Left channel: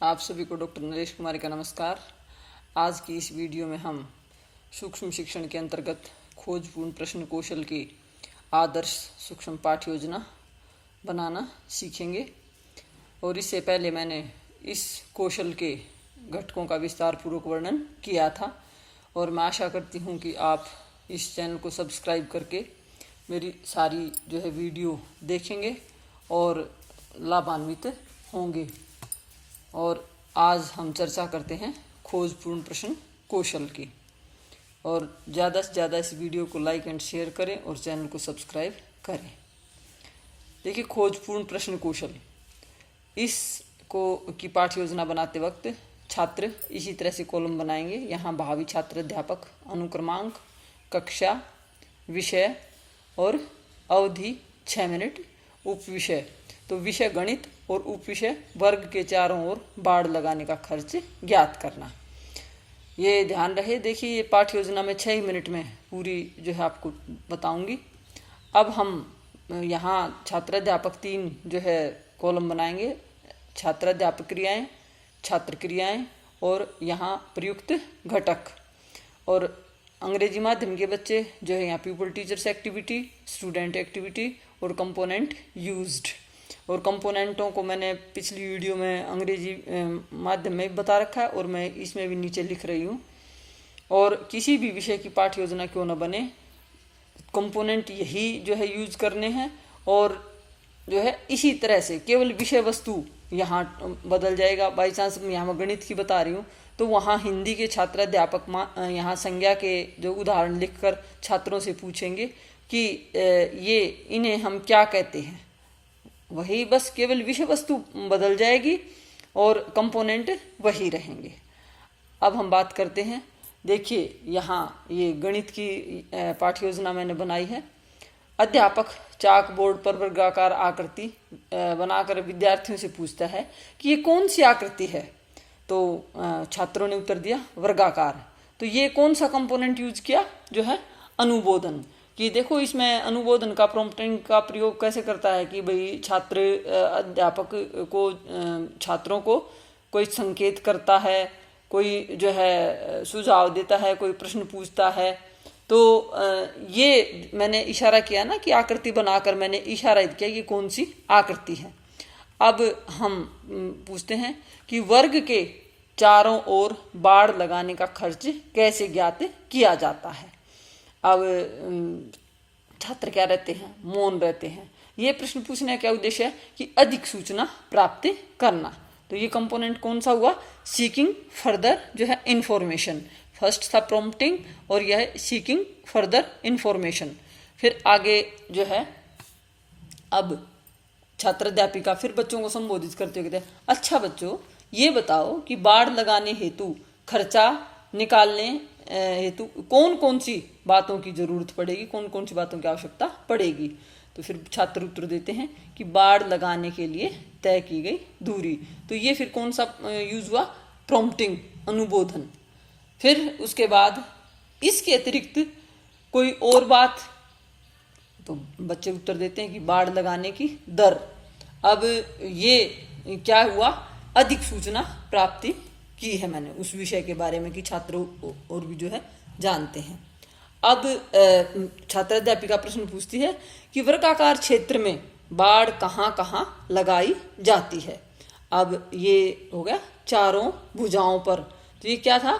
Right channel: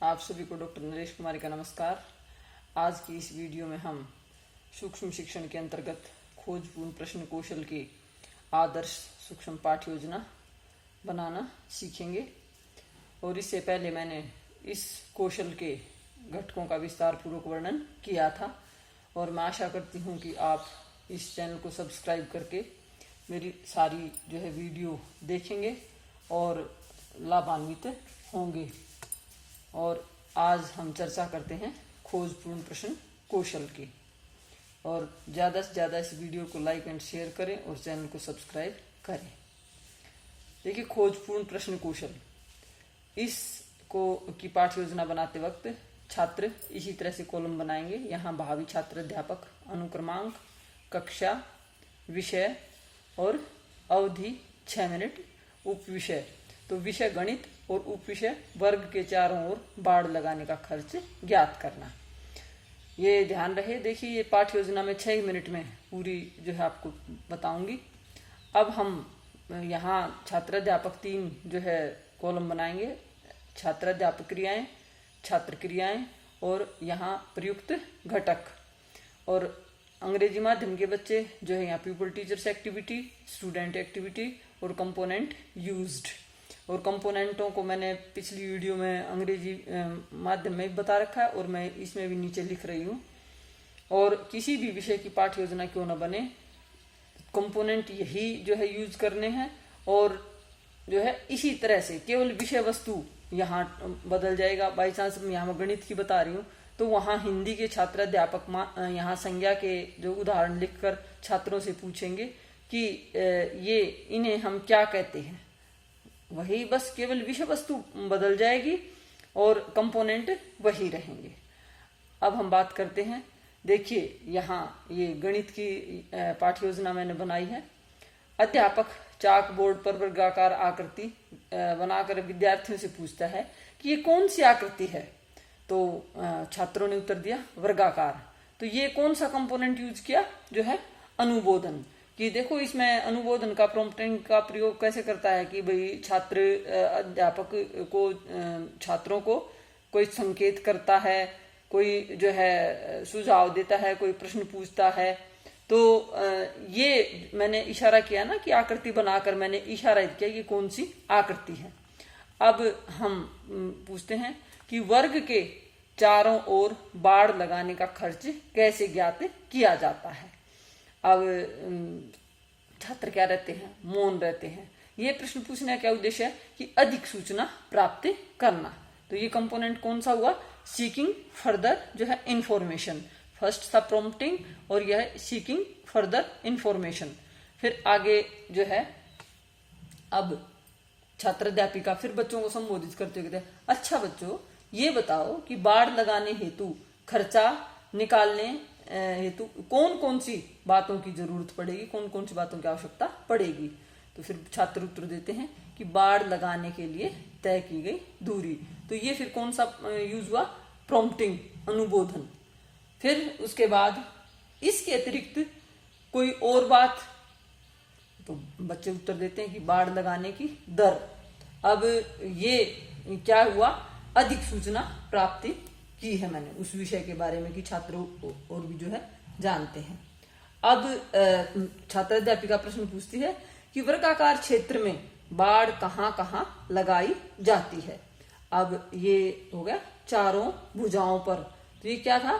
आप सभी को डॉक्टर नरेश कुमार का नमस्कार। आज की इस वीडियो में हम सूक्ष्म शिक्षण के अंतर्गत खोजपूर्ण प्रश्न कौशल की आदर्श सूक्ष्म पाठ्य योजना बनाना सीखेंगे। और इससे पहले मैंने इस कौशल के घटकों का विस्तार पूर्वक वर्णन किया था और मैं आशा करती हूँ कि आप इस चैनल को सब्सक्राइब करके मेरी सारी वीडियो देखेंगे और लाभान्वित होंगे। और आज हम चर्चा करते हैं खोजपूर्ण प्रश्न कौशल की। और ज़्यादा से ज़्यादा इस वीडियो को लाइक एंड शेयर करें और चैनल को सब्सक्राइब करें। देखिए, खोजपूर्ण प्रश्न कौशल इसको की पाठ्य योजना बनाते वक्त छात्र इसी तरह से कॉलम बनाएंगे। यहाँ भावी छात्र, अध्यापक, अनुक्रमांक, कक्षा, विषय और अवधि 6 मिनट, उप विषय तो विषय गणित और उप विषय वर्ग के चारों ओर बाड़ लगाने का खर्च ज्ञात करना। ये ध्यान रहे। देखिए, ये पाठ्य योजना में 6 मिनट में पूरी आपको बताऊंगी। अब हम यहाँ छात्राध्यापक 3 कॉलम बनाएंगे। छात्राध्यापक क्रियाएं, छात्र क्रियाएं और यहाँ प्रयुक्त घटक। और अंग्रेजी माध्यम के बच्चे यहाँ people teachers activity, student activity और कंपोनेंट यूज्ड। और कंपोनेंटों को मैंने पिछली वीडियो में अंग्रेजी माध्यम में बता रखा है और मैं इसमें भी नीचे लिख रही हूँ। और किसी भी विषय की पाठ्य योजना क्यों न बने, कंपोनेंट यही यूज करने हैं। और इसी तरह से केवल विषय वस्तु यहाँ बदल जाएगा। बाई चांस यहाँ मैं गणित की बता रही हूँ तो वहाँ हिंदी के छात्राध्यापक यहाँ संज्ञा के उदाहरण लिखकर छात्रों से पूछेंगे कि ये इन्हें हम क्या कहते हैं। वही बस केवल विषय वस्तु बदल जाएगी और कंपोनेंट वही रहेंगे। अब हम बात करते हैं। देखिए, यहाँ ये गणित की पाठ्य योजना मैंने बनाई है। अध्यापक चाक बोर्ड पर वर्गाकार आकृति बनाकर विद्यार्थियों से पूछता है कि ये कौन सी आकृति है। तो छात्रों ने उत्तर दिया वर्गाकार। तो ये कौन सा कंपोनेंट यूज किया, अनुबोधन। कि देखो, इसमें अनुबोधन का प्रॉम्प्टिंग का प्रयोग कैसे करता है कि भाई छात्र अध्यापक को छात्रों को कोई संकेत करता है, कोई सुझाव देता है, कोई प्रश्न पूछता है। तो ये मैंने इशारा किया ना कि आकृति बनाकर मैंने इशारा किया कि कौन सी आकृति है। अब हम पूछते हैं कि वर्ग के चारों ओर बाड़ लगाने का खर्च कैसे ज्ञात किया जाता है। अब छात्र क्या रहते हैं, मौन रहते हैं। ये प्रश्न पूछने का क्या उद्देश्य है कि अधिक सूचना प्राप्त करना। तो ये कंपोनेंट कौन सा हुआ, सीकिंग फर्दर इंफॉर्मेशन। फर्स्ट था प्रॉम्प्टिंग और यह है सीकिंग फर्दर इंफॉर्मेशन। फिर आगे अब छात्राध्यापिका फिर बच्चों को संबोधित करते हुए कहते हैं, अच्छा बच्चों, ये बताओ कि बाड़ लगाने हेतु खर्चा निकालने हेतु कौन कौन सी बातों की जरूरत पड़ेगी, कौन कौन सी बातों की आवश्यकता पड़ेगी। तो फिर छात्र उत्तर देते हैं कि बाड़ लगाने के लिए तय की गई दूरी। तो ये फिर कौन सा यूज हुआ, प्रॉम्प्टिंग, अनुबोधन। फिर उसके बाद इसके अतिरिक्त कोई और बात, तो बच्चे उत्तर देते हैं कि बाड़ लगाने की दर। अब ये क्या हुआ, अधिक सूचना प्राप्ति की है मैंने उस विषय के बारे में कि छात्र और भी जानते हैं। अब छात्राध्यापिका प्रश्न पूछती है कि वर्गाकार क्षेत्र में बाड़ कहाँ कहाँ लगाई जाती है। अब ये हो गया चारों भुजाओं पर। तो ये क्या था,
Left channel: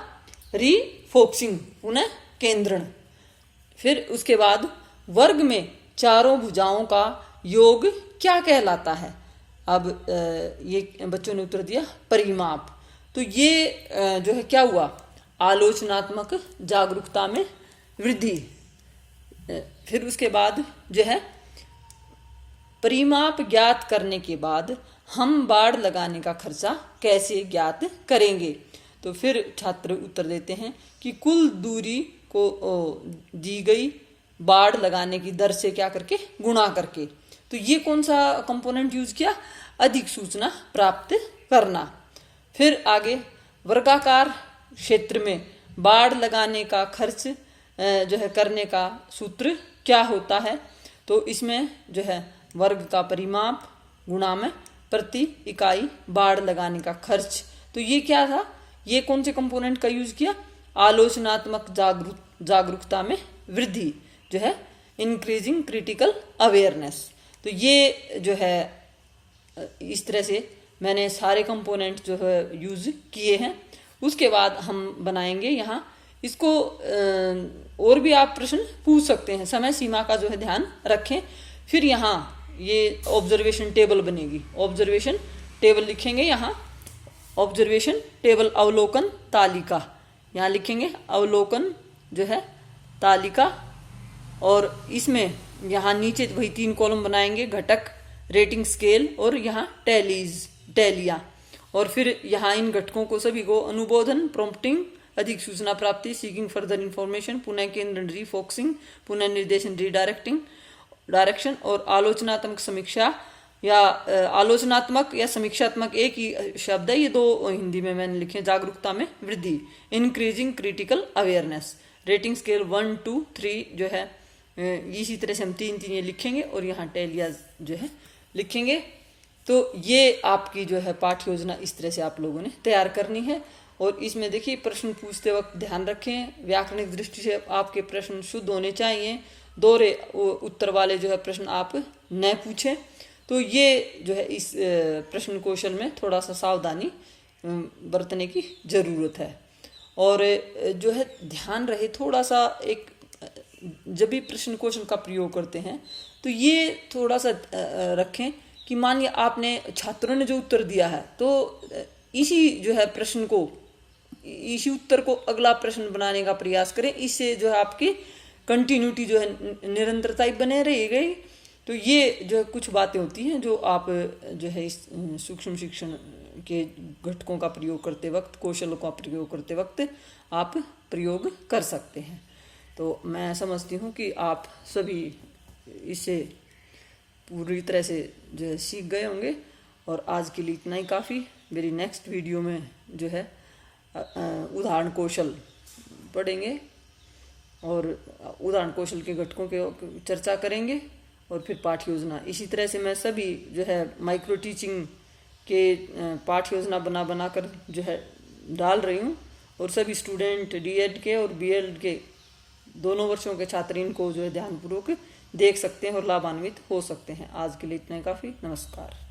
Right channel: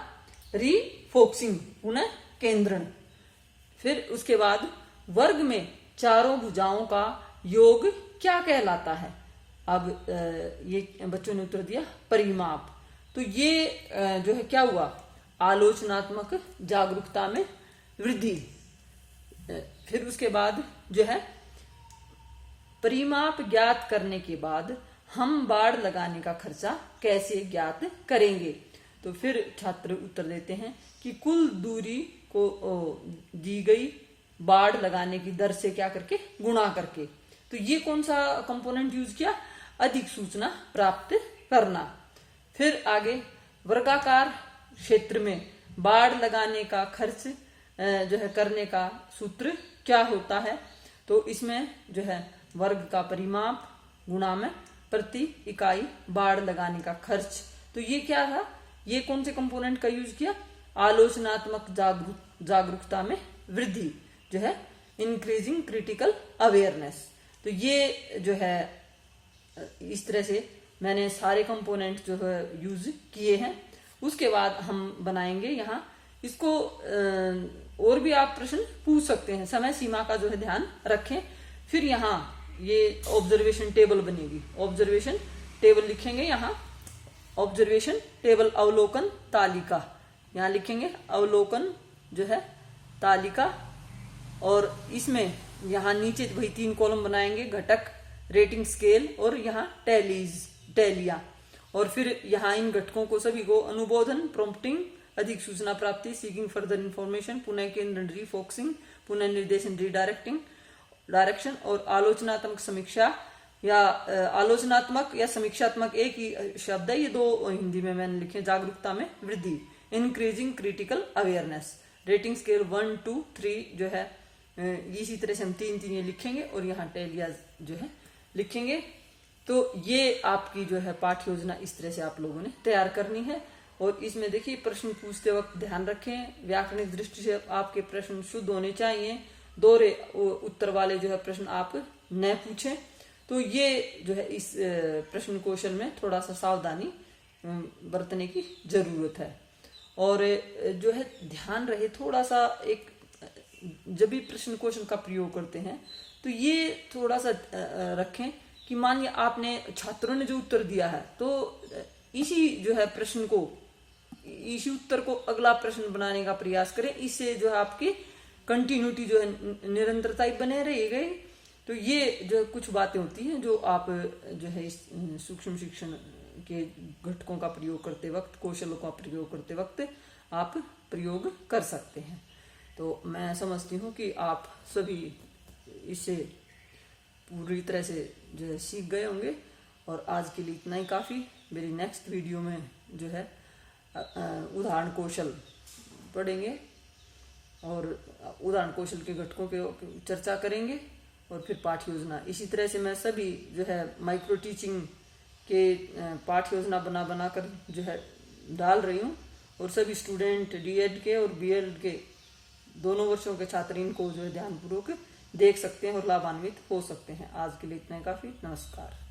रीफोक्सिंग, पुनः केंद्रण। फिर उसके बाद वर्ग में चारों भुजाओं का योग क्या कहलाता है। अब ये बच्चों ने उत्तर दिया परिमाप। तो ये क्या हुआ, आलोचनात्मक जागरूकता में वृद्धि। फिर उसके बाद परिमाप ज्ञात करने के बाद हम बाड़ लगाने का खर्चा कैसे ज्ञात करेंगे। तो फिर छात्र उत्तर देते हैं कि कुल दूरी को दी गई बाड़ लगाने की दर से क्या करके, गुणा करके। तो ये कौन सा कंपोनेंट यूज किया, अधिक सूचना प्राप्त करना। फिर आगे वर्गाकार क्षेत्र में बाड़ लगाने का खर्च करने का सूत्र क्या होता है। तो इसमें वर्ग का परिमाप गुणा में प्रति इकाई बाड़ लगाने का खर्च। तो ये क्या था, ये कौन से कंपोनेंट का यूज किया, आलोचनात्मक जागरूकता में वृद्धि जो है, इंक्रीजिंग क्रिटिकल अवेयरनेस। तो ये जो है इस तरह से मैंने सारे कंपोनेंट जो है यूज किए हैं। उसके बाद हम बनाएंगे यहाँ इसको, और भी आप प्रश्न पूछ सकते हैं, समय सीमा का जो है ध्यान रखें। फिर यहाँ ये ऑब्जर्वेशन टेबल बनेगी, ऑब्जर्वेशन टेबल लिखेंगे यहाँ, ऑब्जर्वेशन टेबल अवलोकन तालिका, यहाँ लिखेंगे अवलोकन जो है तालिका। और इसमें यहाँ नीचे वही 3 कॉलम बनाएंगे, घटक, रेटिंग स्केल और यहाँ टैलिया। और फिर यहाँ इन घटकों को सभी को अनुबोधन, प्रॉम्प्टिंग, अधिक सूचना प्राप्ति, सीकिंग फर्दर इंफॉर्मेशन, पुनः केंद्रण, रीफोकसिंग, पुनः निर्देशन, डायरेक्शन और आलोचनात्मक समीक्षा या आलोचनात्मक या समीक्षात्मक एक ही शब्द है, ये 2 हिंदी में मैंने लिखे, जागरूकता में वृद्धि, increasing critical awareness, rating scale 1, 2, 3 जो है इसी तरह से हम 3 ये लिखेंगे और यहाँ टैलिया जो है लिखेंगे। तो ये आपकी जो है पाठ्य योजना इस तरह से आप लोगों ने तैयार करनी है। और इसमें देखिए प्रश्न पूछते वक्त ध्यान रखें, व्याकरणिक दृष्टि से आपके प्रश्न शुद्ध होने चाहिए, दोहरे उत्तर वाले जो है प्रश्न आप न पूछें। तो ये जो है इस प्रश्न कौशल में थोड़ा सा सावधानी बरतने की जरूरत है। और जो है ध्यान रहे थोड़ा सा, एक जब भी प्रश्न कौशल का प्रयोग करते हैं तो ये थोड़ा सा रखें कि मानिए आपने छात्रों ने जो उत्तर दिया है, तो इसी जो है प्रश्न को, इसी उत्तर को अगला प्रश्न बनाने का प्रयास करें। इससे जो है आपकी कंटिन्यूटी जो है, निरंतरता बने रहेगी। तो ये जो कुछ बातें होती हैं जो आप जो है इस सूक्ष्म शिक्षण के घटकों का प्रयोग करते वक्त, कौशलों का प्रयोग करते वक्त आप प्रयोग कर सकते हैं। तो मैं समझती हूँ कि आप सभी इसे पूरी तरह से जो है सीख गए होंगे। और आज के लिए इतना ही काफ़ी। मेरी नेक्स्ट वीडियो में जो है उदाहरण कौशल पढ़ेंगे और उदाहरण कौशल के घटकों के चर्चा करेंगे और फिर पाठ्य योजना। इसी तरह से मैं सभी जो है माइक्रो टीचिंग के पाठ्य योजना बना कर जो है डाल रही हूँ। और सभी स्टूडेंट डीएड के और बीएड के दोनों वर्षों के छात्र इनको जो है ध्यानपूर्वक देख सकते हैं और लाभान्वित हो सकते हैं। आज के लिए इतना काफ़ी। नमस्कार।